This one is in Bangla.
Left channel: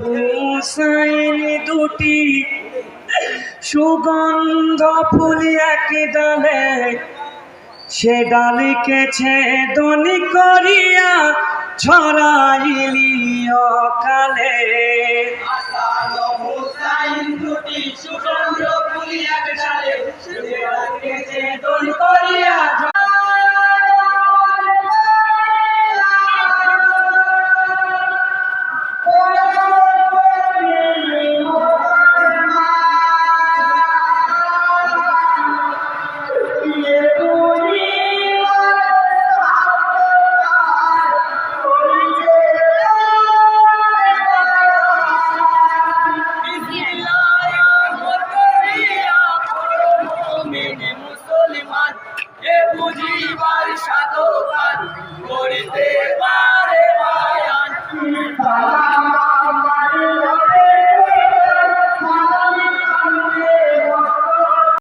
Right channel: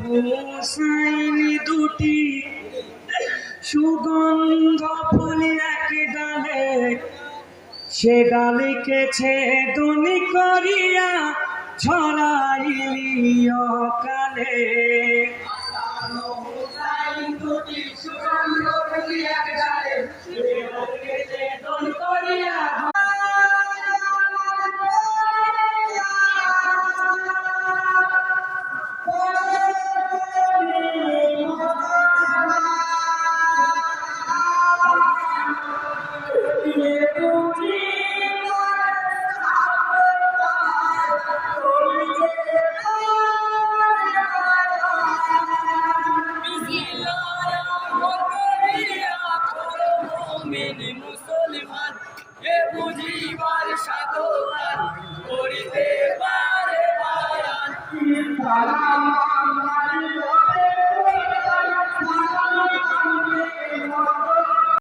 হুসাইন দুটি সুগন্ধ ফুল এক ডালে, সে ডালিকে ছেদন করিয়া ছড়াইলি অকালে। হাসান ও হুসাইন দুটি সুগন্ধ ফুল এক ডালে, সে ডালিকে ছেদন করিয়া